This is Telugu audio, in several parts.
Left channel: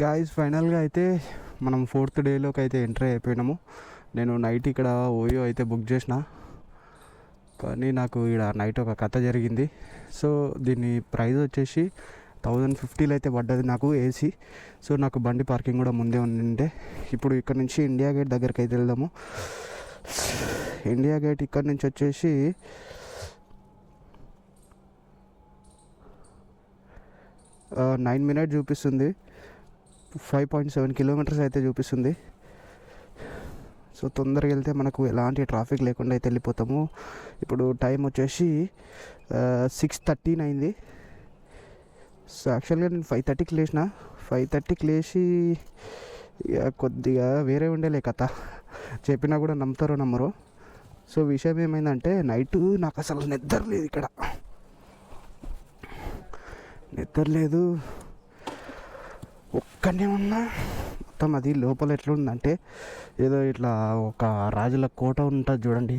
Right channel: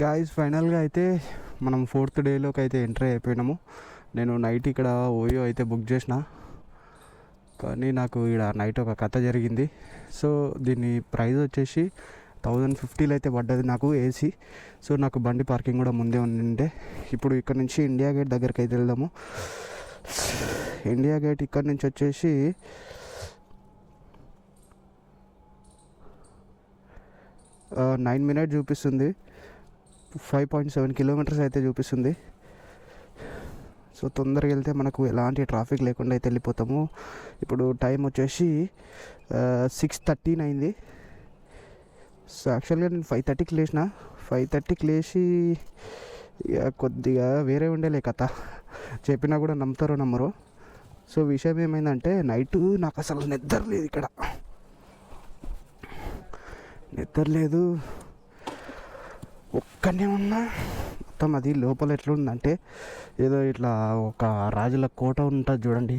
గాయస్ ఫైనల్గా అయితే మనం 4th డేలోకి అయితే ఎంట్రీ అయిపోయినాము. నేను నైట్ ఇక్కడ ఓయో అయితే బుక్ చేసిన, కానీ నాకు ఇక్కడ నైట్ ఒక కథ జరిగింది. సో దీని ప్రైస్ వచ్చేసి 1050 అయితే పడ్డది నాకు ఏసీ. సో నాకు బండి పార్కింగ్ కూడా ముందే ఉండింటే. ఇప్పుడు ఇక్కడ నుంచి ఇండియా గేట్ దగ్గరికి అయితే వెళ్దాము. ఇండియా గేట్ ఇక్కడ నుంచి వచ్చేసి 9 minutes చూపిస్తుంది. 5.7 kilometers అయితే చూపిస్తుంది. సో తొందరగా వెళ్తే మనకు ఎలాంటి ట్రాఫిక్ లేకుండా అయితే వెళ్ళిపోతాము. ఇప్పుడు టైం వచ్చేసి 6:13 అయింది. సో యాక్చువల్గా నేను 5:30కి లేచిన. 5:30కి లేచి కొద్దిగా వేరే ఉండేలే కథ, చెప్పినా కూడా నమ్ముతారో నమ్మరు. సో విషయం ఏమైందంటే నైట్ నాకు అసలు నిద్ర లేదు, ఇక్కడ నిద్ర లేదు. ఒక్కనే ఉన్నా. మొత్తం అది లోపల ఎట్లా ఉందంటే ఏదో ఇట్లా ఒక రాజుల కోట ఉంటుంది చూడండి,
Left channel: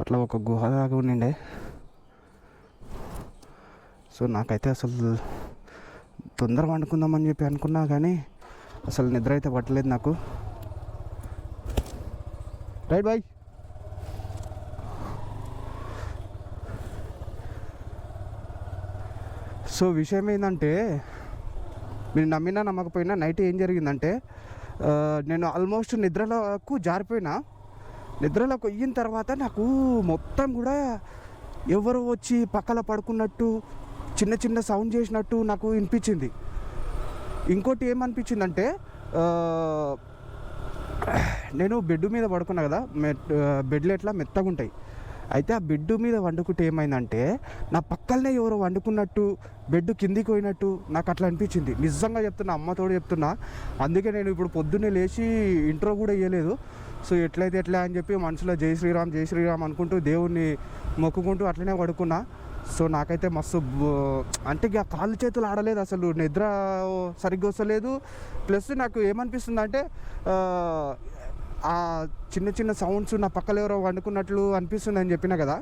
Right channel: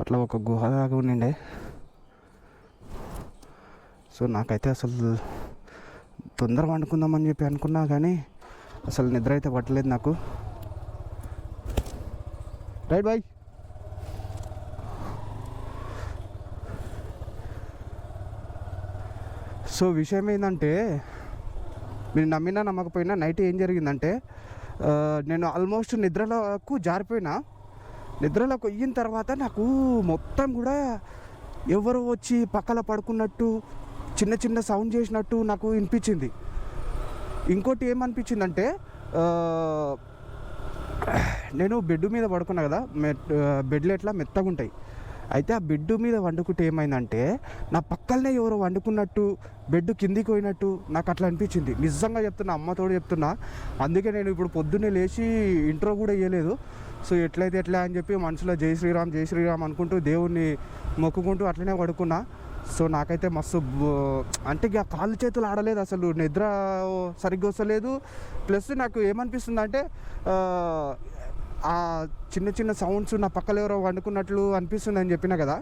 అట్లా ఒక గుహలాగా ఉండే. సో నాకైతే అసలు తొందరగా వండుకుందామని చెప్పి అనుకున్నా, కానీ అసలు నిద్ర అయితే పట్టలేదు నాకు. Right bye. సో విషయం ఏంటంటే, నేను నమ్మినా నమ్మకపోయినా నైట్ ఏం జరిగిందంటే, నేను ఆల్మోస్ట్ నిద్రలోకి జారిపోయినా. నిద్రలోకి అయిన తర్వాత నాకు మొత్తం కూడా ఎవరు వచ్చి పక్కన పడుకున్నట్టు, చిన్న చిన్న సౌండ్ చేసినట్టు నాకు వినిపించింది. ఇంకోటి ఏమనిపించిందంటే, నేను బెడ్ మీద పడుకున్నా కదా, బెడ్లు ఎట్లా మెత్తగా ఉంటాయి. అయితే ఆ బెడ్ మీద వండుకుంటే ఏమైందంటే, నా పక్కనే ఎవరో వండుకున్నట్టు, బెడ్ కిందికి పోయినట్టు నాకు అట్లా అనిపించింది. నిజంగా చెప్తున్నా, అమ్మతోడు చెప్తున్నా. అందుకే నేను ఇప్పుడు పొద్దున్నే లేచి ఇంట్రో కూడా ఇవ్వలేదు. సో ఎట్లయితే ఎట్లా అని చెప్పి మనసులో జై శ్రీరామ్ జై శ్రీరామ్ అనుకుంటూ దేవుణ్ణి మొక్కుకుంటూ అట్లనే పడుకున్నా. సో నాకైతే మస్తు అంటే కాళ్ళు చేతులు ఆడలేదు, అసలు నిద్ర సరిగ్గా వస్తలేదు. ప్లస్ నాకు ఏమనిపిస్తుంది అంటే, ఆ చిన్న చిన్న సౌండ్స్ నా పక్కన ఎవరో వండుకున్నట్లు అనిపిస్తుంది అని చెప్పినా కదా,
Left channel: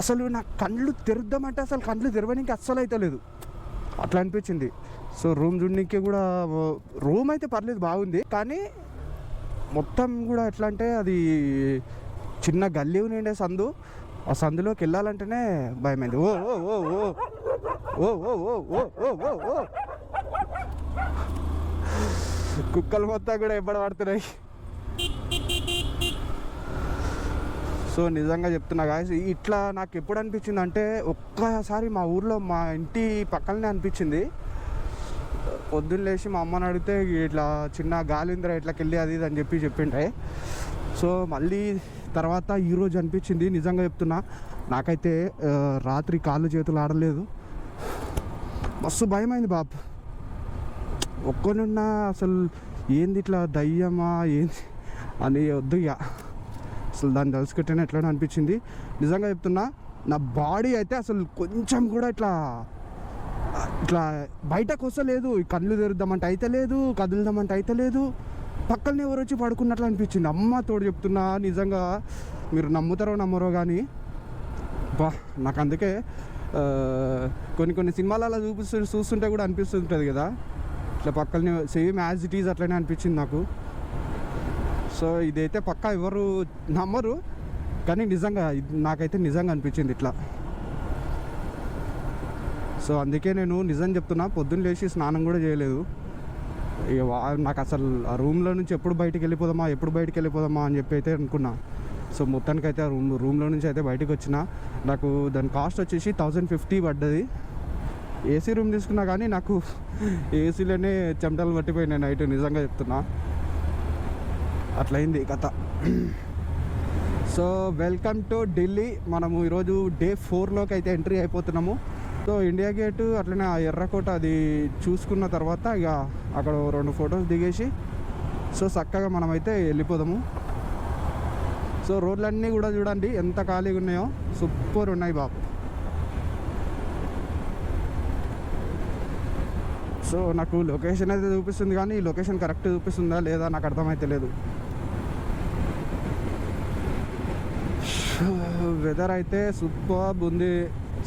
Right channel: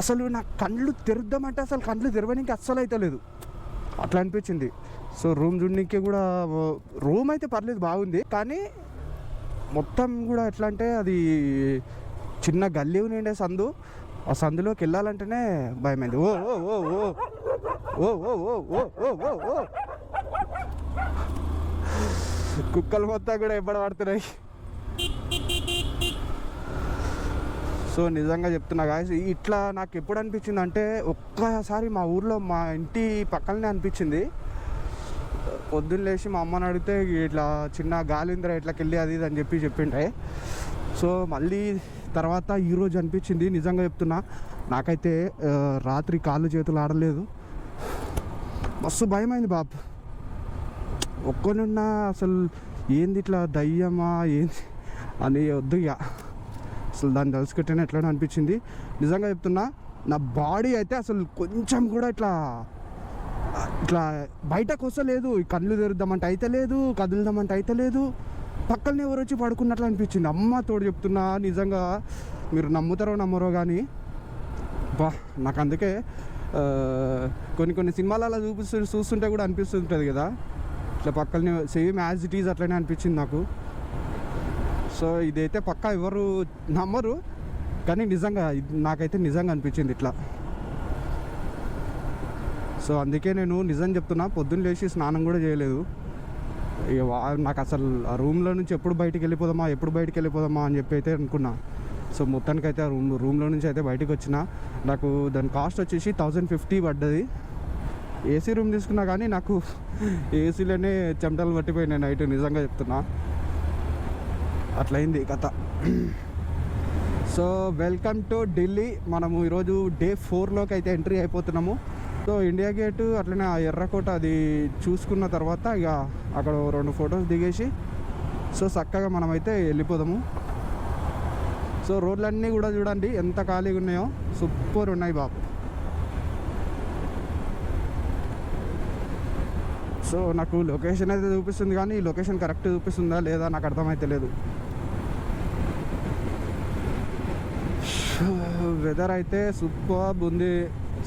అసలు నా కళ్ళు తెరుద్దామంటే అసలు కళ్ళు తెరవడానికి అస్సలు అయితే లేదు, అట్లా అనిపించింది. సో రూమ్ చూడడానికి కూడా, రూమ్ అయితే పర్లేదు బాగుంది, కానీ మొత్తం కూడా ఎట్లా అంటే అది చిన్న గల్లీ ఉండే సందు. ఆ సందులోకి వెళ్ళాలంటేనే భయమైంది. ఓ ఓ ఓ ఓ ఓ ఓ ఓ ఓ ఓ ఓ కుక్కలు మొత్తం కూడా ఎప్పుడు పడుతున్నాయి. సో నిజంగా చెప్తున్నా గాయస్, ఇట్లా నాకు ఎప్పుడు అనిపించింది అంటే, ఒక్కసారి మా ఊర్లో మా ఇంటి పక్కనే అనిపించింది. పొద్దున్న లేచి మా అమ్మని అడిగితే ఇట్లా చిన్న గాలింద్ర ఇట్లకి వెళ్ళి అది ఇది అని చెప్పి చెప్పిండ్రే. సో మళ్ళీ తర్వాత ఈరోజు అనిపించింది. నిజంగా చెప్తున్నా, నాకైతే రాత్రి కాళ్ళు చేతులు ఆడలేదు, మస్తు భయమైంది బాబు. ఒక్కనున్నా అసలు ఏంది ఇట్లా దయ్యమా ఏంది అని వద్దు ఇక, అసలు దాన్ని తెలుసుకుంటేనే ఎట్లనే అనిపించింది. నిజంగా చెప్తున్నా, నా బాడీ అయితే అసలు కొంచెం కూడా ఇట్లా ఇట్లా బయటకు వస్తే లేదు. కళ్ళు తెరుద్దామంటే అయితే లేదు, కదులుదామంటే అయితే లేదు. పక్కనే ఎవరు వచ్చి పడుకున్నట్లు అనిపించింది. అమ్మ తోడు చెప్తున్నా, నిజంగా మీరు నమ్ముతారో నమ్మరో కానీ బా, నాకు అందుకే కొన్ని సినిమాలలో చూస్తుంటే కూడా అనిపిస్తుంటుంది కదా, సో పక్కనే సేమ్ యాజ్ ఇట్ ఈజ్ అట్లనే అనిపించింది నాకు. సో ఇదైతే పక్కా ఎవరు నమ్మరు, కానీ నిజంగా నాకైతే నిజంగా అనిపించింది ఇట్లా. సో అందుకే నేను నిజం చెప్తున్నా, పొద్దున్న లేచి స్నానం కూడా చేయలేదు. నాకు అసలు ఆ రూమ్లో నుంచి ఎప్పుడు బయటికి వెళ్ళిపోదామా అని చెప్పి అయితే అనుకున్నా. సో మొత్తానికైతే ఆ రూమ్లో నుంచి అయితే బయటకు వచ్చిన. నాకు దాని కాస్ట్ వచ్చేసి 1050 పడ్డది. ఏసీ రూమ్ తీసుకున్నా, కానీ నాకు ఏసీలోనే చెమటలు పట్టిపోయినాయి నైట్. నిజంగా చెప్తున్నా, అట్లయింది కథ. So welcome to Delhi. మనము ఈరోజు డే 4లోకి అయితే ఎంట్రీ అయిపోతున్నాము. సో ఇండియా గేటు అట్లనే ఆ ఎర్రకోట అది చూసుకున్న తర్వాత ఇక అక్కడ 2 ఫొటోస్ దిగేసి సో చక్కగా మనమైతే వెళ్ళిపోదాము. సో రోడ్లన్నీ కూడా చూడండి ఎంత ఖాళీగా ఉన్నాయో, సూపర్ ఉన్నాయి బాబు. సో నాకు లొకేషన్ అయితే చూపిస్తుంది, కానీ ఈ లొకేషన్ కరెక్ట్ చూపిస్తుందా లేదా నాకు అర్థమైతే లేదు. వెదర్ అయితే సూపర్ ఉంది,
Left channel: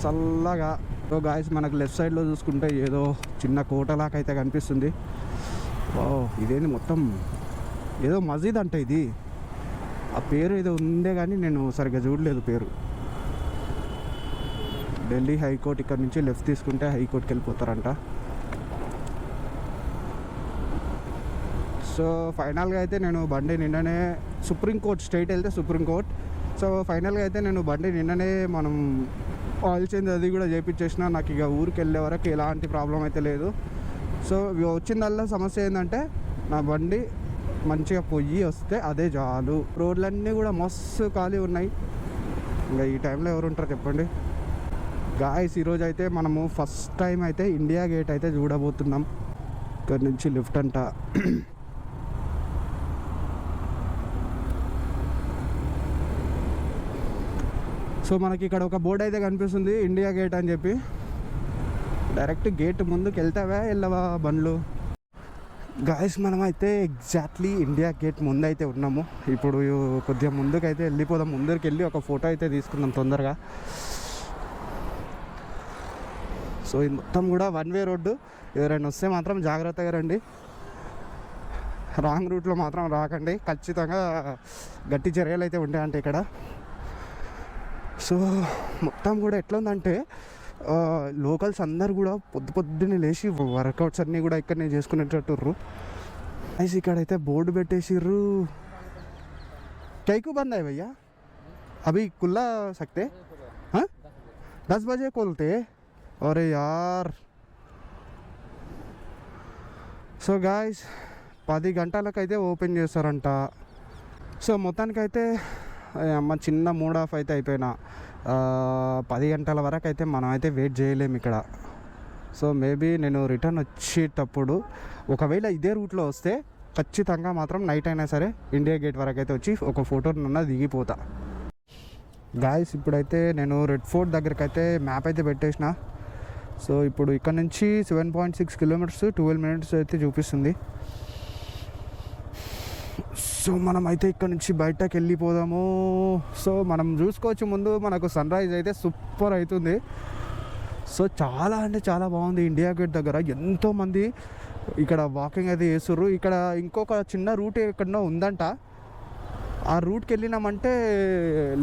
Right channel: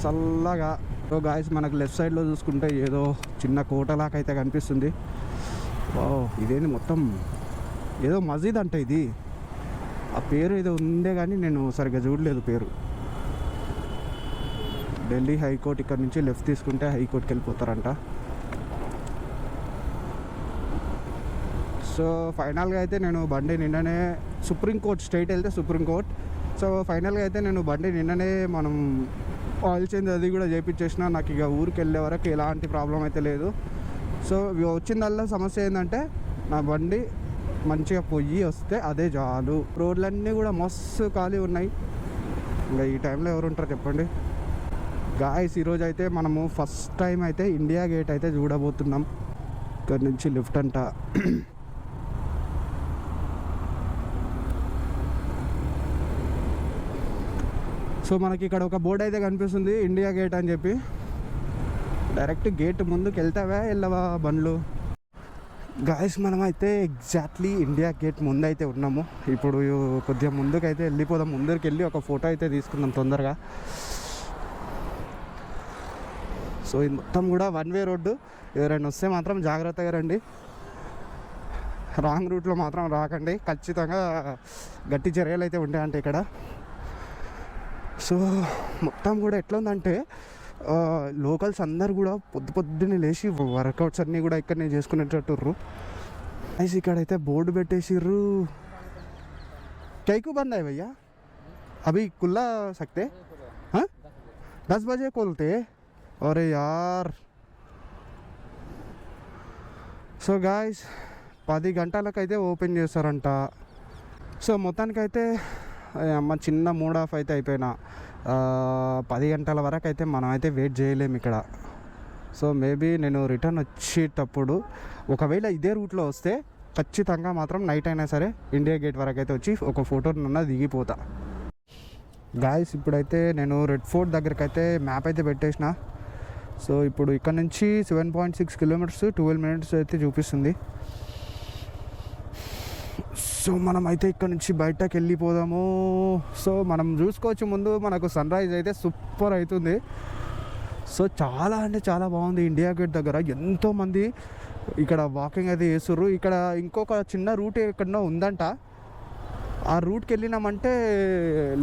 చల్లగా. సో గాయస్, మనకు లెఫ్ట్ సైడ్లో చూసుకుంటే ఏదో చిన్న కోటలాగా అయితే కనిపిస్తుంది. ఇదేంటి మొత్తం ఏదో మసీద్ అంటే ఇది, ఆ పేరు ఏదో ఉంది కానీ నేను సరిగ్గా చూడలేదు పేరు. ఢిల్లీ హైకోర్టు ఇక్కడ నుంచి లెఫ్ట్ తీసుకుంటే హైకోర్టుకి వెళ్ళిపోతారంట. సో ఫైనల్గా అయితే నేను బండి నిన్ననే సుప్రీంకోర్టు స్ట్రైట్ వెళ్తే సుప్రీంకోర్టు. సో ఫైనల్గా అయితే నేను బండి నిన్ననే మనం ఆయిల్ చేంజ్ అది కూడా చేయించేసిన. నాకు ఇక ఊరికి వెళ్ళే వరకు ఎలాంటి ప్రాబ్లం అయితే లేదు. సో వచ్చిందల్లా సమస్య ఏంటంటే నా బండి మంచిగా పొయ్యి వస్తే అదే చాలు. రోడ్లన్నీ కూడా మస్తు ఖాళీ ఉన్నాయి. ఈ టైంలో ఎవరు ఉంటారు చెప్పండి గాయస్. ఈరోజు అయితే మనము ఫస్ట్ టైం అయితే ఇండియా గేట్ అయితే చూడబోతున్నాం. ఇక్కడ నుంచి లిఫ్ట్ అంట. సో మనకి ఇక్కడ ఒక బోర్డు అయితే కనిపిస్తుంది ఇండియా గేట్ అని చెప్పి. డైరెక్ట్ గేట్ ముందుకు వెళ్తావా వెళ్ళవా బండ్లు? గాయస్ మనమైతే ఎగ్జాక్ట్లీ ఇండియా గేట్ ముందైతే ఉన్నాము. ఇప్పుడు కొద్దిగా ముందుకైతే వెళ్ళిపోదాం. ముందరికి వెళ్ళి ఒక ఫోటో అయితే తీసుకుందాం తొందరగా. సో ఇది మొత్తం కూడా వన్ వే రోడ్డు. ఎవరైనా వస్తే మాత్రం జాగ్రత్తగా రండి, రాంగ్ రూట్లో మాత్రం రాకండి. ఖచ్చితంగా గట్టి చర్యలు అయితే ఉంటాయంటే ఇక్కడ. సో మొత్తం కూడా ఎట్లుందంటే లోకల్స్ అందరు కూడా పొద్దున్నే లేచి వర్కౌట్స్ అన్నీ కూడా ఇక్కడనే చేసుకునేటట్టుర్రు. అయితే ఇక్కడైతే బోర్డు పెట్టేసిర్రు. कैकू बंद है भैया अभी खुला सकते हाँ 10 बजे खोलते अरे यार. సో గాయస్ 10 గంటలకైతే ఓపెన్ చేస్తారంట. సో మొత్తానికైతే అమ్మ చిన్న మూడ్ ఆఫ్ అయితే అయిపోయినా. 10 గంటల వరకు అయితే మనం అయితే వెయిట్ చేయలేము ఇక్కడ. సో మేబీ నేను రిటర్న్ వచ్చేటప్పుడు ఒకవేళ ఇదే రూట్లో వస్తే ఖచ్చితంగా మాత్రం నైట్ అయినా సరే ఇండియా గేట్ వరకు అయితే వచ్చి ఒక ఫోటో నిన్న దిగిపోతా. ఇప్పుడైతే నేను రెడ్ ఫోర్ట్ దగ్గరికి అయితే మ్యాప్ అయితే పెట్టేసిన. సో ఇప్పుడు ఇక్కడ నుంచి 7.6 కిలోమీటర్స్ 12 మినిట్స్ అయితే చూపిస్తుంది. సో మనం అయితే ఇక్కడ నుంచి బయటకు వెళ్ళిపోదాము. సో మనం చూసుకోవచ్చు ముందు మనకు సన్ రైజ్ అయితే సూపర్ అవుతుంది. సో చాలా అంటే చాలా బాగుంది. ఇండియా గేట్ దగ్గర ఎంతోమంది ఇక్కడ వాకింగ్ అయితే చేస్తుర్రు. ఇక్కడ ఇంకొక చిన్న రూట్ ఎక్కడో ఉందంట. ఆ రూట్కి వెళ్ళినామంటే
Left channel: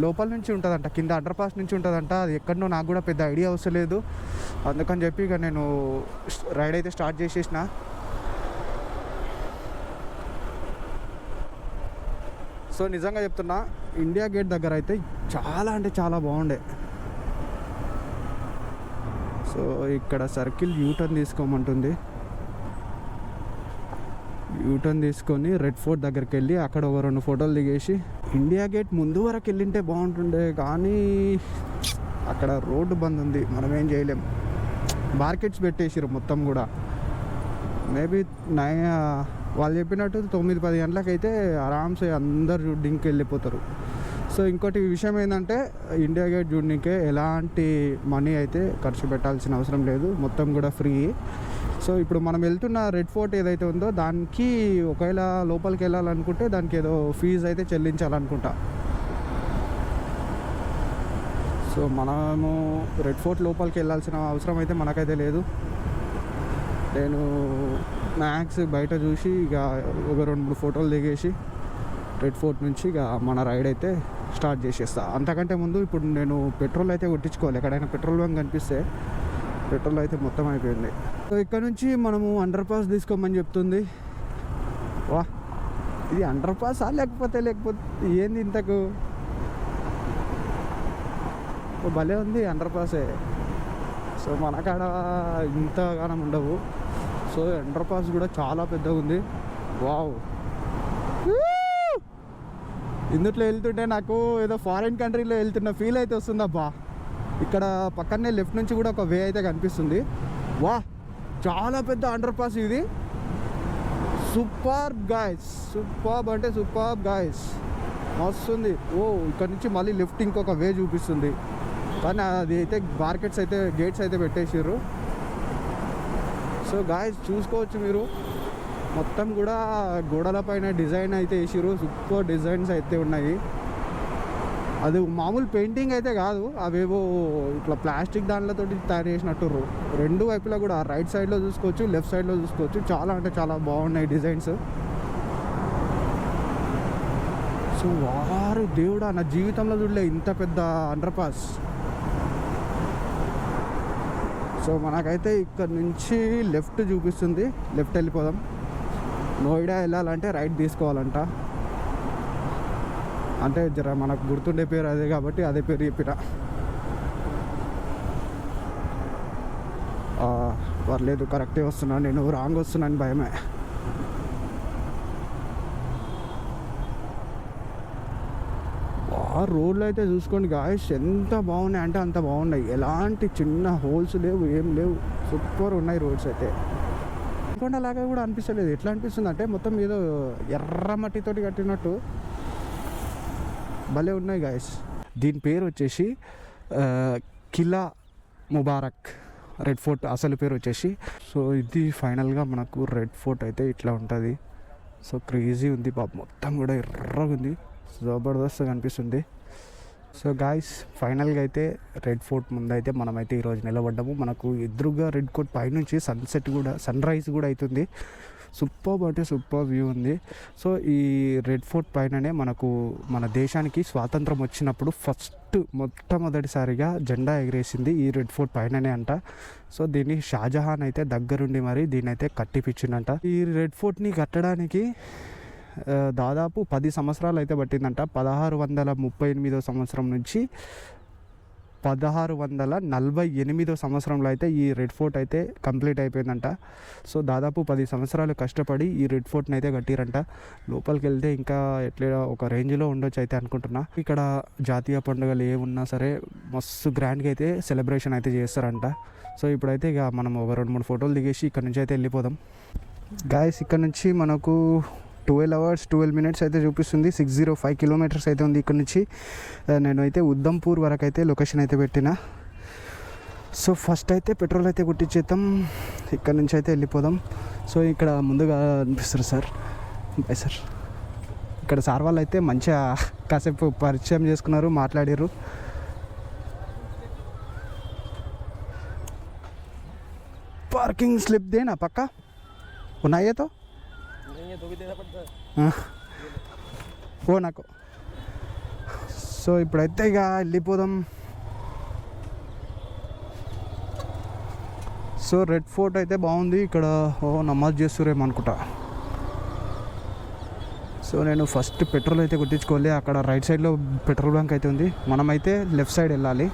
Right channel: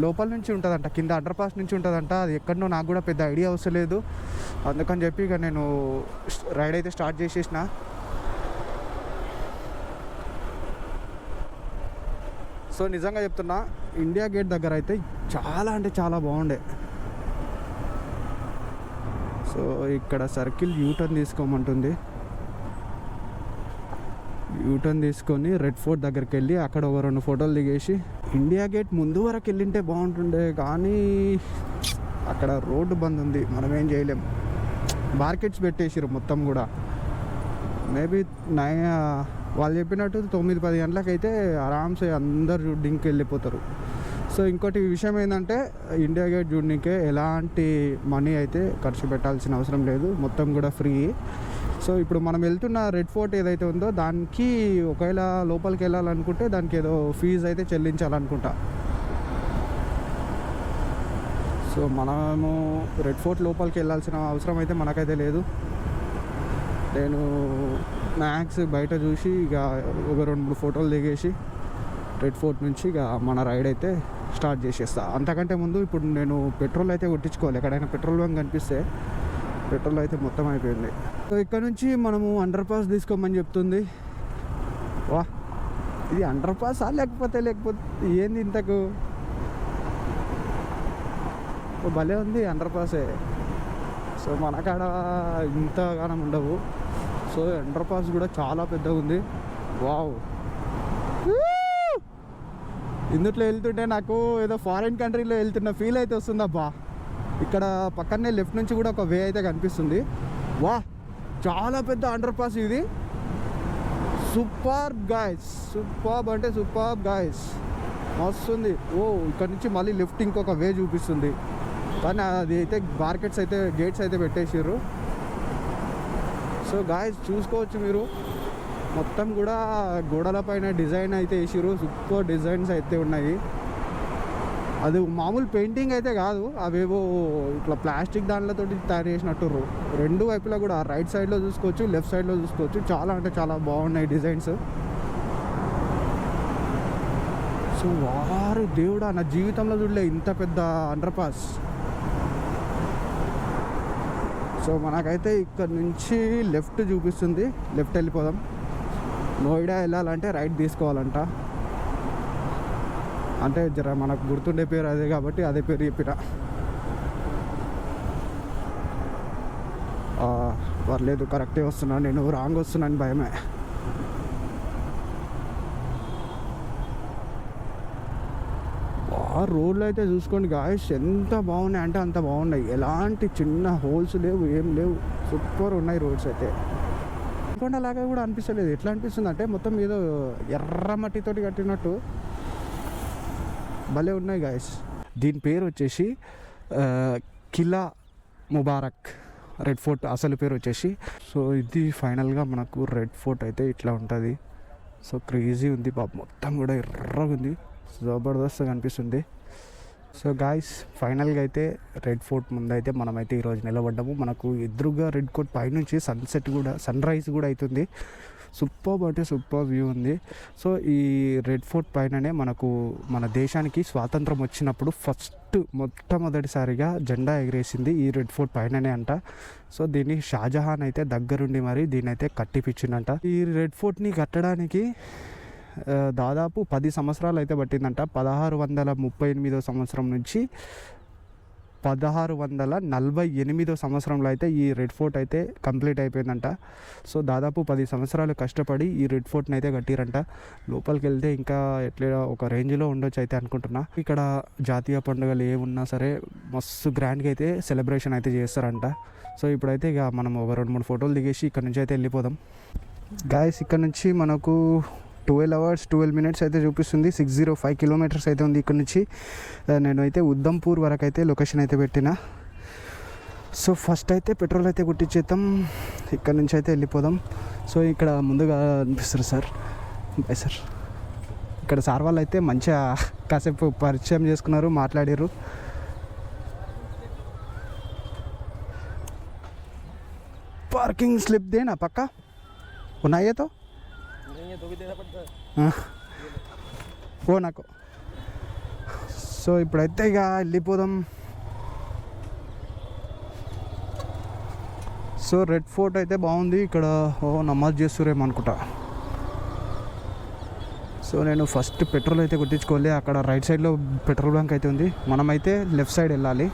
లోపల నుంచి ఉంటుందంట, కింద అండర్ పాస్ నుంచి ఉంటుందంట. అది ఎక్కడనో నాకు కూడా పెద్ద ఐడియా వస్తలేదు. అందుకని చెప్పి ఇక నేను రైడ్ అయితే స్టార్ట్ చేసేసిన. సో నిజంగా చెప్తున్నా ఇండియా గేట్ దగ్గర అయితే చాలా అంటే చాలా బాగుండే. సో ఇక్కడ సర్కిల్ యూటర్న్ తీసుకోమంటుంది. యూటర్న్ తీసుకొని రెడ్ ఫోర్ట్ దగ్గరికి వెళ్ళి అక్కడ ఒక 2 ఫోటోలు దిగేసి ఇండియా గేట్ ముందు వరకు వెళ్ళింటే బాగుంటుండే. కానీ అక్కడ రోడ్డు బంద్ ఉంది, మనం ఏం చేయలేం. మార్కెట్స్ పెట్టేసారు మొత్తం కూడా. మేబీ వాళ్ళు చెప్పినట్టు 9-10 గంటలకైతే ఆరామ్సే అందరు చూడ్డానికి వెళ్ళిపోతారు. సో ఇంకోటి విషయం ఏంటంటే ఇండియా గేట్ చూడడానికే ఎలాంటి మనీ అయితే ఖర్చు పెట్టాల్సిన అవసరం లేదు, మొత్తం కూడా ఫ్రీ. సో ఇప్పుడు మనం వెళ్తున్న రెడ్ ఫోర్ట్ ఏదైతే ఉందో దానికి ఒకవేళ లోపలికి వెళ్ళాలనుకుంటే దానికి ఏదో ఫీజు అయితే చెల్లించాలనుకుంటా. సో మనము రెడ్ ఫోర్ట్ లోపలికి వెళ్ళాల్సిన అవసరం అయితే మనకైతే లేదు. నేను మ్యాక్స్ బయట చూసి ఇక ఒక 2-3 ఫోటోలు దిగేసి రెడ్ ఫోర్ట్ నుంచి ఇక మన రైడ్ అయితే స్టార్ట్ చేసేస్తా. అంతకంటే ముందు ఇప్పుడు నేను పెట్రోల్ అయితే కొట్టించుకోవాలి. ఎక్కడైనా పెట్రోల్ బంక్ కనిపిస్తే పెట్రోల్ అయితే మొత్తం అయిపోయింది. సో ఇక్కడ నుంచి మనము అండర్ పాస్ తీసుకోమని చెప్తుంది. వా ఇది అండర్ పాస్ లేకపోతే ఏంది ఇంతకు భలే ఉంది అండర్ పాసే. సో మన కాడ ఇంతగానం ఉండవు. సో అండర్ పాస్ కూడా చాలా పెద్దగా ఉంది. వావ్ ఇందుట్లో వెళ్తుంటే నాకు ఏదో ఫారిన్ కంట్రీలో వెళ్తున్న ఫీల్ అయితే వస్తుందబ్బా. ఇక్కడ పక్కనే లెఫ్ట్ నుంచి కూడా ఒక వే అయితే కనిపిస్తుంది. వా చాలా పెద్ద అండర్ పాస్ ఇది. సూపర్ గాయ్స్, సూపర్ అంటే సూపర్ గాయ్స్, వస్తుంది. ఇక్కడ నుంచి మళ్ళీ లెఫ్ట్ ఇంకొక వే చూపిస్తుంది. కానీ అది అయితే మార్కెట్స్ అయితే గేట్స్ అయితే పెట్టేసారు. సో గాయ్స్ చూసుకోవచ్చు మీరు, మొత్తం కూడా గోడల పైన డిజైన్ అయితే వేసారు. సూపర్ డిజైన్స్ అయితే ఉన్నాయి. అది మామూలు పెయింటింగ్ అయితే కాదు, అవేవో ఇట్లా ప్లాస్టిక్ దాంట్లతో తయారు చేసినట్టు రెండు వైపులా కూడా రైట్ సైడ్లో చూసుకోవచ్చు, లెఫ్ట్ సైడ్లో చూసుకోవచ్చు. చాలా అంటే చాలా బాగున్నాయి డిజైన్స్. సో వారు దేవుడా, నా జీవితంలో చూడలే ఇంత పెద్ద అండర్ పాస్. సో మనకైతే ఇక్కడ నుంచి లెఫ్ట్ చూపిస్తుంది, లెఫ్ట్ వెళ్ళిపోదాం. నోయిడా వెళ్ళాలంటే రైట్ తీసుకోవాలంట. అంటే జర మనకు గుర్తుండే పేరు అదే కాబట్టి అదే పేరు చెప్పిన. పర్లేదు, కరెక్టే వస్తున్నాను, నేను రాంగ్ వస్తున్నాను భయమే. ఆ రోడ్లు అయితే చూసుకోండి గాయస్, ఎంత బాగున్నాయి అంటే అంత బాగున్నాయి. ఎలాంటి చిన్న హోల్స్ లేవు, ఏం లేవు, సూపర్ ఉన్నాయి రోడ్స్ అయితే. కొండలాగా కూడా అనిపిస్తలేదు. ఎట్లా అనిపిస్తుంది అంటే మొత్తం ఏదో ఎర్ర మట్టితోటి కట్టినట్టు భలే ఉన్నాయి గాయస్. దీని పేరు వచ్చేసి కిలా ముబారక్ రెడ్ ఫోర్ట్ అసలు పేరు వచ్చేసి. సో ఇది ఫైనల్గా మనకు రెడ్ ఫోర్ట్ అయితే ఇట్లా ఉంటుంది. సో క్రేజీ ఉంది, మొత్తం కూడా ఎర్రగా ఉంది, జబర్దస్త్గా అనిపిస్తుంది. సో గాయస్ ఫైనల్గా అయితే రెడ్ ఫోర్ట్ ముందు అయితే మనమైతే ఈరోజు నిలబడ్డాము. మనకు ఎదురుగా రెడ్ ఫోర్ట్ పైనుంచి సన్సెట్ కూడా, సన్ రైజ్ కూడా అవుతుంది. సూపర్ అంటే సూపర్ వ్యూ ఉంది. సో ఈ రెడ్ ఫోర్ట్ పైననే మనకు మన దేశానికి స్వాతంత్రం వచ్చినప్పుడు మొట్టమొదటిసారిగా జెండా ఎగిరేసింది ఈ రెడ్ ఫోర్ట్ పైననే అంట. సో దీన్ని షాజహాన్ అయితే దగ్గరుండి మరి దీన్ని అయితే కట్టిపించిందంట. ఈ రెడ్ ఫోర్ట్ని కట్టడానికి దాదాపు 10 సంవత్సరాలు అయితే పట్టిందంట. 1638 సంవత్సరం నుంచి 1648 సంవత్సరంలో అయితే ఈ రెడ్ ఫోర్ట్ అయితే కంప్లీట్ అయిపోయిందంట. సో దాదాపు 10 సంవత్సరాలు కష్టపడి ఈ రెడ్ ఫోర్ట్ని అయితే కట్టిరంట. లోపలికి వెళ్తే ఇంకా ఎట్లా ఒక రేంజ్లో ఉండొచ్చు అయితే అనుకుంటున్నా. ఇక్కడ జాతీయ పండుగలు ఏమున్నా సరే మస్తు గ్రాండ్గా అయితే సెలబ్రేషన్ అయితే చేస్తారంట. సో ఇప్పుడైతే ఇక మనం ఒక 2-3 ఫోటోలు దిగేసి ఇక్కడ నుంచి అయితే వెళ్ళిపోదాం గాయస్. ఇక్కడ నుంచి మనకు 12 hours 12 minutes అయితే చూపిస్తుంది. 605 kilometers అయితే ఉంది ఇక్కడ నుంచి. నేనైతే ఉద్దంపూర్ వరకు అయితే లొకేషన్ అయితే పెట్టిన. సో ఫస్ట్ అయితే పెట్రోల్ అయితే కొట్టించేద్దాం, ఇక్కడ నుంచి అయితే వెళ్ళిపోదాం. సో ఇక్కడ ముందుగా అనిపిస్తారు సార్, బాయ్ సార్. ఇక్కడ సార్ వాళ్ళు అయితే మంచిగా కాసేపు పరిచయం చేసుకున్నారు, మాట్లాడారు. పార్కింగ్ స్లిప్ దేనా పక్కా ఉన్నాయే తో నాకు. సో ఇప్పుడైతే ఇక వెళ్ళిపోదాం. సో రెడ్ ఫోర్ట్ అయితే బాగుంది. ఇక్కడ నమాజ్ చేస్తురేమో అనుకుంటా. సో నేను ఫస్ట్ పెట్రోల్ అయితే కొట్టించుకోవాలి. అక్కడ రైట్ సైడ్లో పెట్రోల్ బంక్ అయితే ఉంది, మనమైతే లెఫ్ట్ సైడ్ వెళ్ళాలి.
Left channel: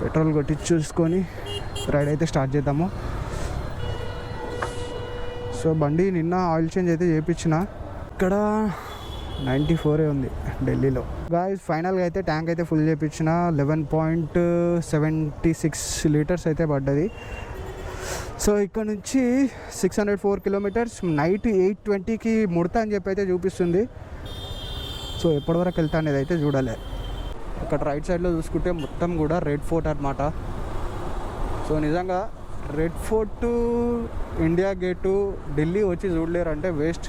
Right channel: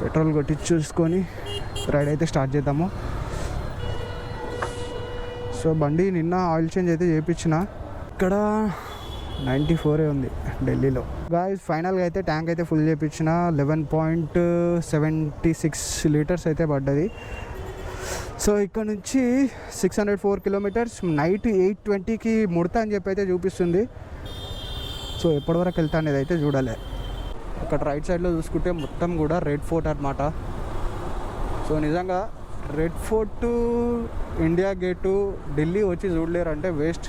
పెట్రోల్ కొట్టించుకొని రైడ్ అయితే స్టార్ట్ చేద్దాము. సో బండి నిన్న ఆయిల్ చేంజ్ అయితే చేయించిన. ఇక్కడ 94 ఉంది ఢిల్లీలో. గాయస్ ఫైనల్గా అయితే ట్యాంక్ అయితే ఫుల్ చేయించిన. 11.76 liters అయితే పడ్డది. సో ఇక్కడ నుంచి 604 kilometers, నైట్ 8:20కి ముడతా అని చెప్పి అయితే చూపిస్తుంది. సో ఎప్పటివరకు వెళ్తా అనేది అయితే చూడాలి. ఇక్కడ రైట్ సైడ్లో చూసుకుంటే మొత్తం కూడా రెడ్ ఫోర్ట్ అనమాట. సో నిజంగా red fort, India gate, Delhi వచ్చి చూడలేరు అంటే వేస్ట్.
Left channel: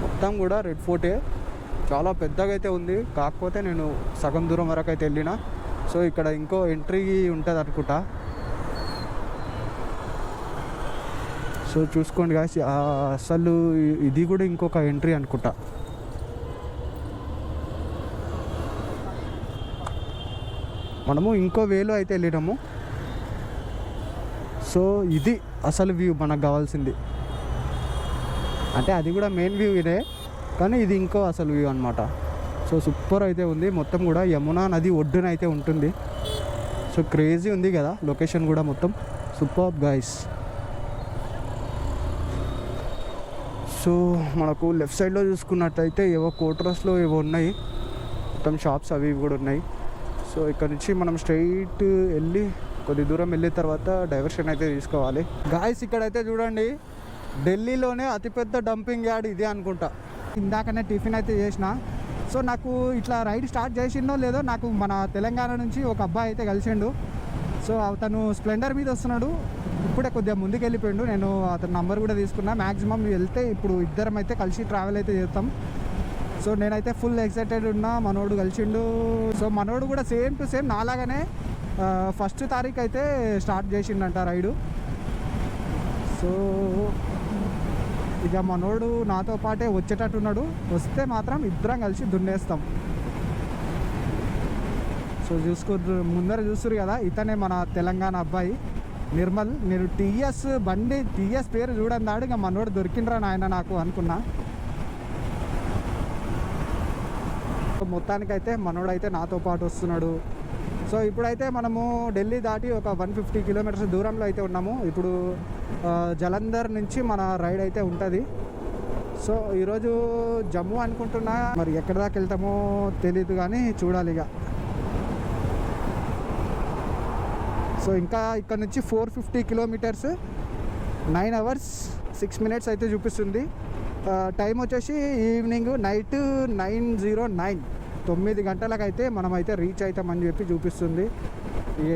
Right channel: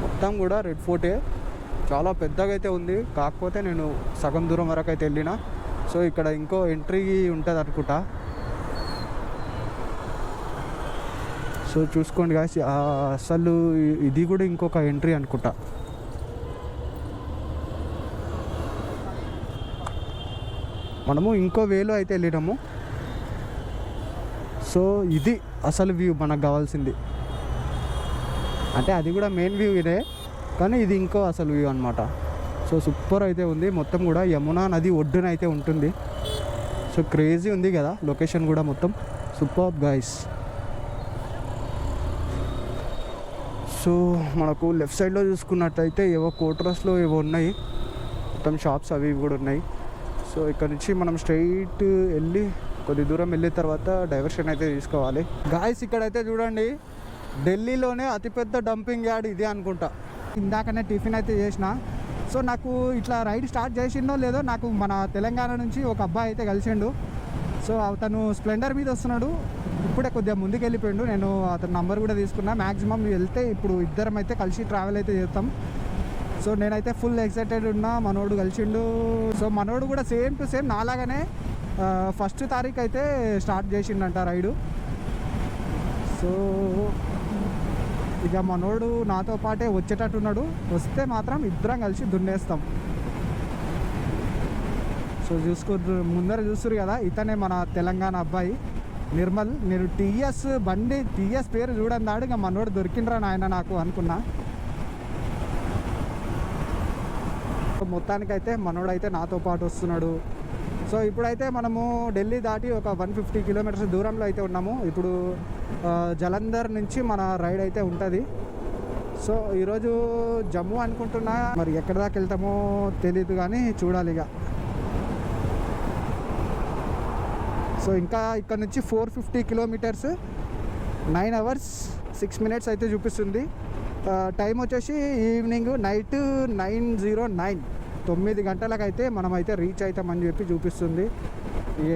మొత్తం కూడా రెడ్ ఫోర్టే, చాలా పెద్దగా అయితే ఉంది. కాకపోతే నేను సగం దూరం వరకు అయితే వెళ్ళిన. సో ఇక్కడ ఇంకో ఎంట్రీ ఉంటుంది అనుకుంటా. సో చూసుకోండి గాయస్, అసలు ఇది కూడా ఇంకొక ఎంట్రీ అనుకుంటా. మనము ఇంకో వేలో అయితే వెళ్ళినాము. సో ఇది అసలు వ్యూ మనకు కావాల్సింది. అంటే అది కూడా మెయిన్ వ్యూ ఇదే, కానీ ఇది ఇంకో అసలు వ్యూ అనమాట. సో సూపర్ అయితే ఉంది. మొత్తం కూడా యమునా నది ఒడ్డున అయితే ఉంటుంది. సో క్రేజీ ఉంది కదా లొకేషన్ కూడా, మొత్తం సూపర్ గాయస్. సో మనకు లెఫ్ట్ సైడ్లో చూసుకున్నట్టయితే ఏవో కోటరస్లో ఏవో ఉన్నాయి, మొత్తం షాప్స్ అవి కూడా ఉన్నాయి. సో ఇక్కడ నుంచి మనం స్ట్రైట్ వెళ్ళి కొద్ది దూరం వెళ్ళిన తర్వాత డైవర్షన్ అయితే తీసుకోవాలి. గాయస్ ఇక్కడైతే చూడండి, ఢిల్లీలోనే అతిపెద్ద డంపింగ్ యార్డ్ ఇది అనుకుంటా. ఇందాకనే టిఫిన్ అయితే చేసిన. సో నాకు ఇట్లా రైడ్ స్టార్ట్ చేసిండో లేదో, నాకు మన తెలంగాణ నుంచి ఒక అబ్బాయి అయితే కలిసిండు. సో అతను స్ప్లెండర్ మీద వస్తున్నాడు, ఇప్పుడే కొద్దిగా ముందుకు వెళ్ళిపోయిండు. నేను అతని నంబర్ కూడా తీసుకున్నా. మ్యాక్సిమం వెళ్తే ఇప్పుడు ఇద్దరం అయితే కలిసి ట్రావెల్ అయితే చేస్తాం. సో నేనైతే ఫుల్ ఎక్సైటెడ్ ఉన్నా, మనోడు కలిసిండు. సో మనోడు కూడా సేమ్ టు సేమ్ నాలాగానే 1st తారీఖు అయితే స్టార్ట్ చేసిండంట రైడు. సో ఇక మనోడు నాతో పాటే వచ్చేటట్టున్నాడు. వస్తే మాత్రం ఇద్దరం కలిసి దున్నేస్తాం. సో ముందర చూస్తారు కదా, ఇతనే మన తెలంగాణ అబ్బాయి నిర్మల్. నేను టీఎస్ పేరు చూడన్నాడు. ఇక మనోడు దొరికిండ్రా నాయన నాకు అనుకున్నా. మొత్తానికైతే మనోడైతే నాతో పాటు వస్తున్నాడు. సో ఇప్పుడైతే మనము ఢిల్లీ దాటి ఒక 150 కిలోమీటర్స్ దూరంలో అయితే ఉన్నాము. ఇప్పుడు జలంధర్ నుంచి మన రైడ్ అయితే ఉంటుంది. సో ఈరోజు జమ్మూ అనుకుంటున్నా, మరి ఎక్కడి దాకా వెళ్తామో తెలియదు కానీ చూడాలి ఇక. సో ఇంకా ఇక్కడ నుంచి 450 కిలోమీటర్స్, 9 hours 6 minutes అయితే చూపిస్తుంది. టైం వచ్చేసి ఈవినింగ్ నైట్ 9:09, 9 గంటలకైతే మనమైతే రీచ్ అవుతామని చెప్పి చూపిస్తుంది.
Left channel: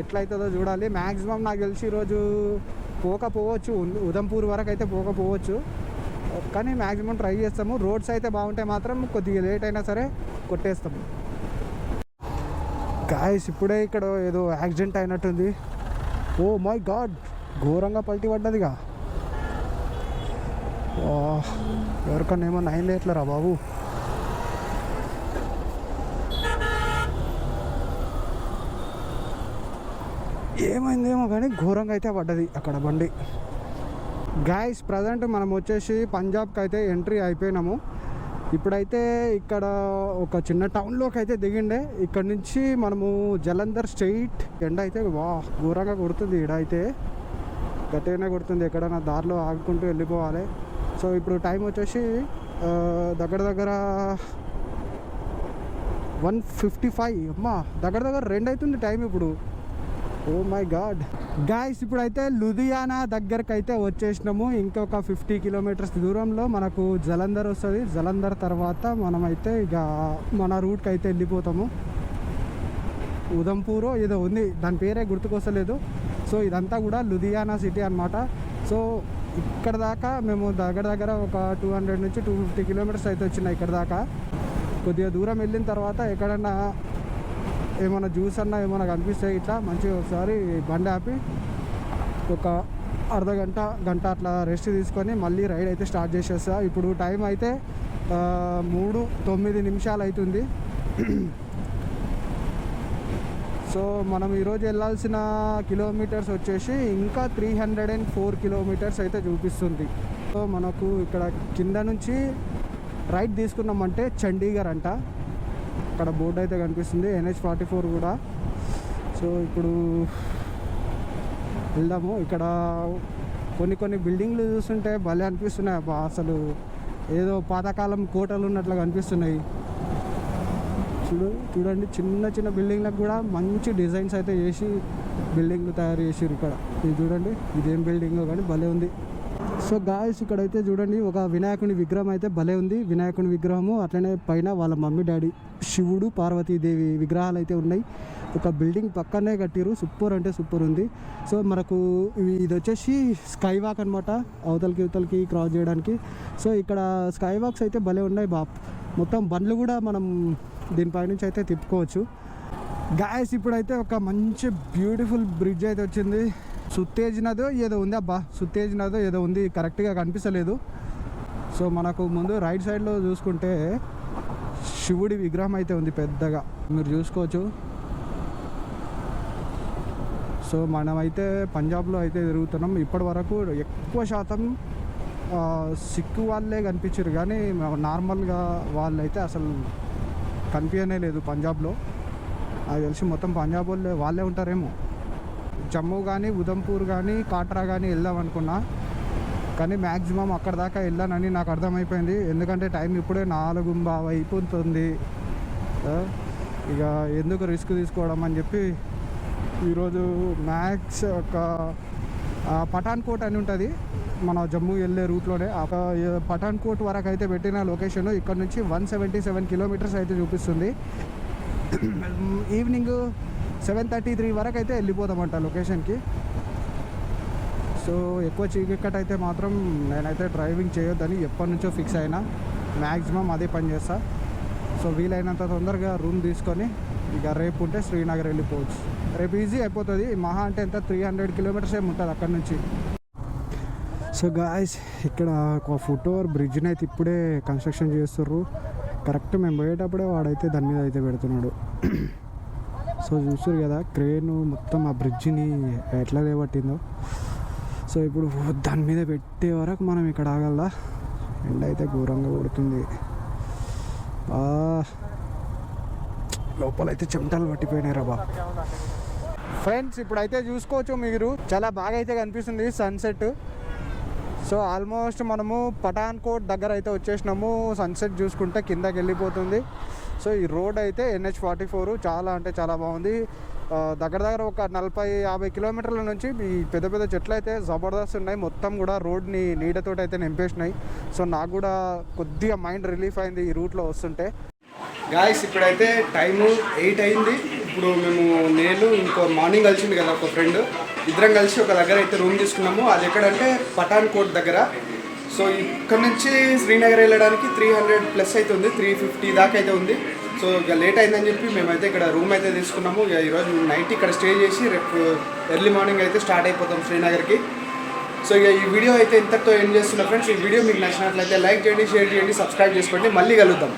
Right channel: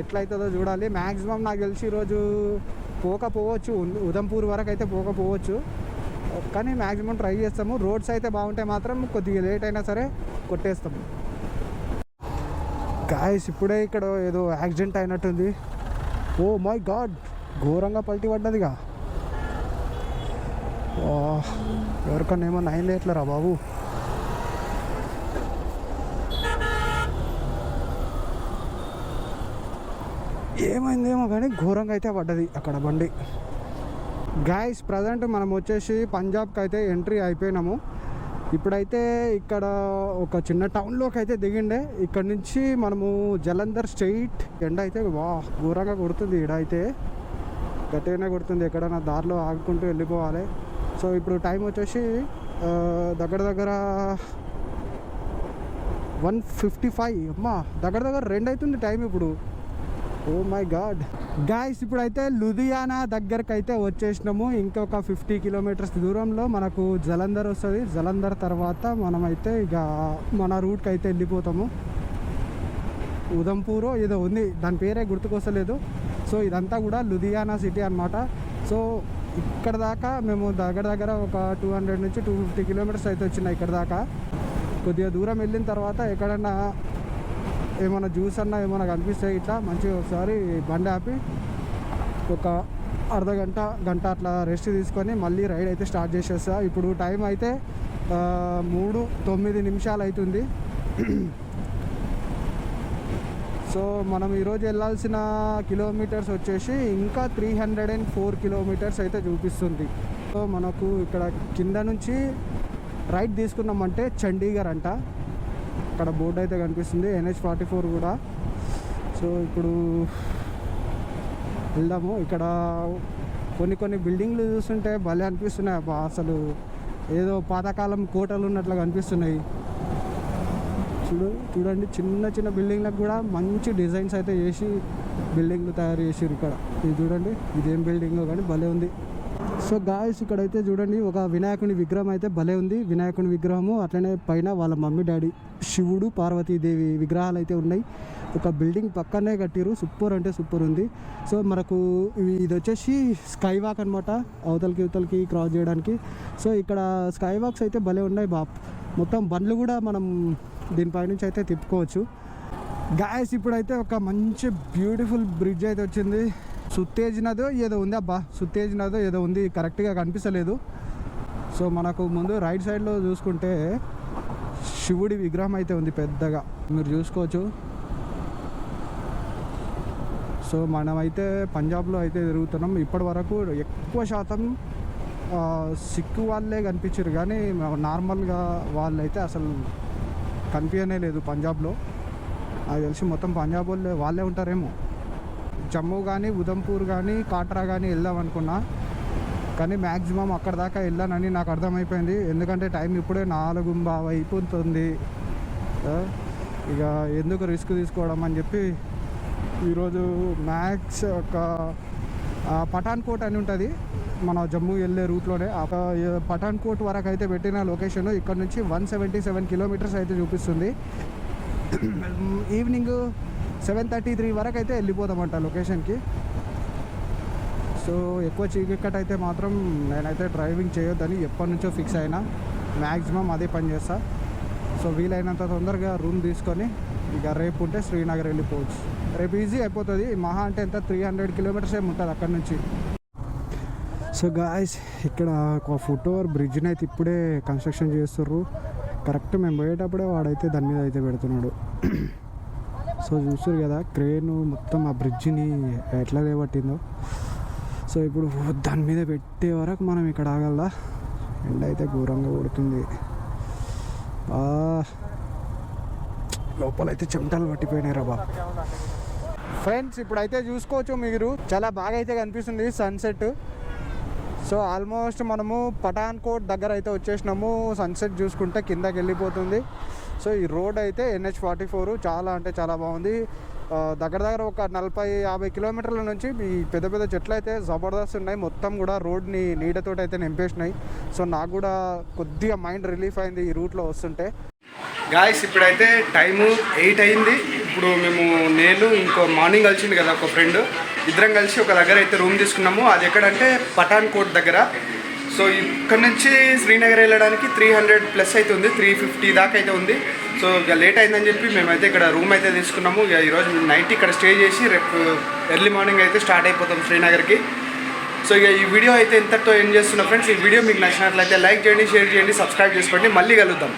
ఎట్లయితుందో చూడాలి. మ్యాక్సిమం నాకు తెలిసి ఈరోజు పోకపోవచ్చు, ఉదంపూర్ వరకు అయితే పోకపోవచ్చు, కానీ మ్యాక్సిమం ట్రై చేస్తాము. రోడ్స్ అయితే బాగుంటే మాత్రం కొద్దిగా లేట్ అయినా సరే కొట్టేస్తాము. గాయ్స్ ఇప్పుడే ఇక్కడ ఏదో యాక్సిడెంట్ అయినట్టుంది. ఓ మై గాడ్, ఘోరంగా పల్టీ పడ్డదిగా. ఎవరికన్నా ఏమన్నా అయింది ఎట్లరా బాబు. ఏమైందేమో కానీ ఘోరంగా అయితే పడ్డది అక్కడ బండి. గాయ్స్ ప్రజెంట్ మనం వచ్చేసి పంజాబ్కి అయితే ఎంట్రీ అయిపోయినాము. ఇప్పుడైతే ఇక్కడ ఒక చిన్న టౌన్లోకి అయితే దిగిండే. ఇక్కడ నుంచి మనము జలంధర్ స్ట్రైట్. ఎండ అయితే ఘోరంగా కొడుతుంది. ఈడ అయితే గట్టిగానే కొడుతుంది. ఎక్కడైనా దారిలో ఆగుకుంటూ వెళ్ళిపోవాలి. సో ఇప్పుడు టైం వచ్చేసి దగ్గర 1:55. అమ్మా దగ్గర 2 అవుతుంది టైం ఇప్పుడు. Oh my God. గాయ్స్ ఇప్పుడైతే లుధియానా దగ్గరకు అయితే వచ్చేసినాము. ఇంకొక 50 కిలోమీటర్స్ దూరంలో మనకు జలంధర్ వస్తుంది. జలంధర్ తర్వాత మనమైతే మన రూట్కి అయితే వెళ్ళిపోతాము. ఉదంపూర్ ఏదో ఉంది, దాని పేరే గుర్తుకొస్తలేదు. సో ఇదంతా కూడా లుధియానా సిటీ అన్నమాట. సో ఇక్కడ దాకా మేము దగ్గర ఒక 200 నుంచి 250 కిలోమీటర్స్ అయితే వచ్చినాయి. ఇక్కడ దాకా కొద్దిగా దూరం వెళ్ళిన తర్వాత ఎక్కడన్నా ఏమైనా జ్యూస్ అన్నా ఏమైనా కనిపిస్తాయి ఇట్లా మంచిగా ఒకసారి బండి ఆపి ఒక గంట అట్లా రెస్ట్ తీసుకొని మళ్ళీ రైడ్ అయితే స్టార్ట్ చేసేస్తా. ఇప్పుడు టైం అయితే 3:09 అవుతుంది. సో మనం ఈరోజు వెళ్ళాల్సిన కిలోమీటర్స్ వచ్చేసి ఇంకా 304 కిలోమీటర్స్ అయితే చూపిస్తుంది. సో మనకు ఇక్కడ కింద నుంచి రైట్ తీసుకున్నామంటే చండీగఢ్ అంట. అక్కడ బోర్డు అయితే కనిపిస్తుంది, NH-44 కూడా. సో ఇప్పుడు వెళ్దాము. ఇక్కడ కొన్ని బిల్డింగ్లు చూస్తుంటే భలే అనిపిస్తున్నాయి అబ్బా. అసలు ఏదో పాతకాలం కోటలు ఉన్నట్లు కనిపిస్తున్నాయి. చూడండి చిన్న బిల్డింగ్లకు కూడా మంచి డిజైన్స్ అయితే వేసి బిల్డింగ్లు తయారు చేసారు ఇక్కడ. ఇది చూడండి, ఇదేం బిల్డింగ్ కానీ భలే ఉంది. సో గాయస్ ఇక్కడైతే చూడండి ఒక వినాయకుని విగ్రహం అయితే భలే ఉంది. వినాయకుని విగ్రహము అట్లనే పైన వాళ్ళ మమ్మీ డాడీ శివుడు పార్వతీదేవి విగ్రహాలు అయితే ఉన్నాయి. ఒక బిల్డింగ్ పక్కనే కట్టిరు. సూపర్ అంటే సూపర్ ఉంది. సో మనకు ఇది వచ్చేసి స్కై వాక్ అనమాట, అవతలకి క్రాస్ చేయడానికి. సో ఇక్కడ స్కై వాక్స్ అయితే భలే ఉన్నాయి మొత్తం బండ్లు కూడా మనం దీనిపై నుంచి అయితే తిప్పుకోవచ్చు. గాయస్ ఇప్పుడైతే ఒక మంచి బ్యూటిఫుల్ బ్రిడ్జ్ అయితే వచ్చింది. సుత్తేజ్ నదో ఏదో ఉంది అబ్బా, సుత్తేజ్ నదో ఏదో ఉంది, కరెక్ట్గా కనిపించలేదు. సో మనకు ముందు రైట్ సైడ్లో చూసుకుంటే శివుడి విగ్రహం అయితే ఉంది పెద్దగా, మీరు చూసుకోవచ్చు. సో మనమైతే పంజాబ్లో అయితే తిరుగుతున్నాం. ఇప్పటి వరకు ఎక్కువ శాతం సిక్కు వాళ్ళే కనిపించారు, కానీ నార్మల్గా వాళ్ళైతే అసలు కనిపించనే లేదు పంజాబ్లో. అది తెలిసి మొత్తం పంజాబ్ వాళ్ళే ఉంటారేమో. జమ్మూ కానీ ఉదంపూర్ కానీ కాట్రా కానీ వెళ్దాం అనుకున్నా, కానీ మ్యాక్సిమం అక్కడ దాకా వెళ్ళానని నాకు అర్థమైపోయింది. ఎందుకంటే టైం ఇప్పుడే 4:15 అయిపోతుంది. ఇక ఎందుకు రిస్క్ తీసుకోవడం అని చెప్పి ఈరోజు మ్యాక్స్ ఒక పఠాన్కోట్ అని ఉంటుంది మన జమ్మూ వెళ్ళే రూట్లోనే. పఠాన్కోట్ వరకు అయితే పెట్టిన లొకేషన్ ఇక్కడ నుంచి 177 కిలోమీటర్స్ అయితే చూపిస్తుంది. ఈవినింగ్ 7:33 వరకు అయితే వెళ్ళిపోతామంట లొకేషన్కి. సో ఎక్కువ చీకటి అయితే మాత్రం నేనైతే డ్రైవింగ్ చేయొద్దని ఎప్పటి నుంచో ఫిక్స్ అయినా. మ్యాక్సిమం అదే పని చేస్తా. సో వీలైనంత తొందరగా రూమ్ తీసుకొని ఇక రేపు ఉంటే శ్రీనగర్ వెళ్ళిపోవచ్చు. రేపు ఈజీ అయిపోతుంది. మహా అంటే ఎంత 300 కిలోమీటర్స్ ఏమి ఉంటుంది అక్కడ నుంచి. సో గాయస్ ఇక్కడ ఒక ఫుట్ ఓవర్ బ్రిడ్జ్ని అయితే ఇప్పుడే కన్స్ట్రక్షన్ చేస్తుర్రు. కరెక్ట్ మేము పోయేటప్పుడే వాడైతే దాని మీద అయితే పెడుతున్నాడు. సో చూస్తారు కదా క్రేన్ మొత్తం ఆ బ్రిడ్జిని ఎట్లా లేబట్టిందో. సో ఇప్పుడు దాని మీద పెట్టే వరకు మనం ఇక్కడ ఆగల్లా. ఎండ అయితే ఘోరంగా కొడుతుంది. లోపలైతే చెమటలు పట్టిపోయినాయి రా బాబు. ఫ్రెండ్స్ ఇప్పుడైతే చూసుకోవచ్చు మీరు, చాలా బాగా అయితే కనిపిస్తుంది సన్సెట్. సో ఆల్మోస్ట్ మనము పఠాన్కోట్ దగ్గర అయితే వచ్చేసినాము. సన్సెట్ చూసుకుంటే కిందకి వెళ్ళిపోతుంది. సో ఈ రోడ్ అయితే NH44 చాలా అంటే చాలా బాగుంది. దగ్గర ఒక 40-50 కిలోమీటర్ల నుంచి ఈ పెద్ద పెద్ద చెట్లు అయితే జబర్దస్త్ ఉన్నాయి. మొత్తం కూడా రోడ్ని నీడతోటి అయితే నింపేసినాయి. సో నాకు కూడా కొద్దిగా మైండ్ రిలీఫ్ అయింది ఈ రూట్లో వస్తుంటే. గాయస్ ఇప్పుడైతే టైము 8 అయింది. ఇప్పుడు నేను ఇంకో మార్నింగ్ కలిసింది కదా ఒక ఫ్రెండ్, ఇద్దరం కలిసి ఒక దగ్గర అయితే రూమ్ తీసుకున్నాము. అది ఎక్కడంటే పఠాన్కోట్ దగ్గర. సో ఇక్కడ నుంచి శ్రీనగర్ వెళ్ళడానికి 300+ అయితే ఉంది, 350 దాకా అయితే ఉంది. సో ఇక లేట్ అయిందని చెప్పి మేమైతే ఇక్కడ రూమ్ అయితే తీసుకున్నాము. ఇక ఈరోజు నైట్ ఇక్కడ స్టే చేసి రేపు ఎర్లీ మార్నింగ్ అయితే స్టార్ట్ అయిపోతాం శ్రీనగర్కి. సో ఇక ఈ వీడియో అయితే ఇంతటితో ఎండ్ చేస్తున్నా ఫ్రెండ్స్. ఈ వీడియో మీకు నచ్చినట్లయితే లైక్ చేయండి, షేర్ చేయండి, సబ్స్క్రైబ్ చేసుకోండి. మళ్ళీ కలుద్దాం.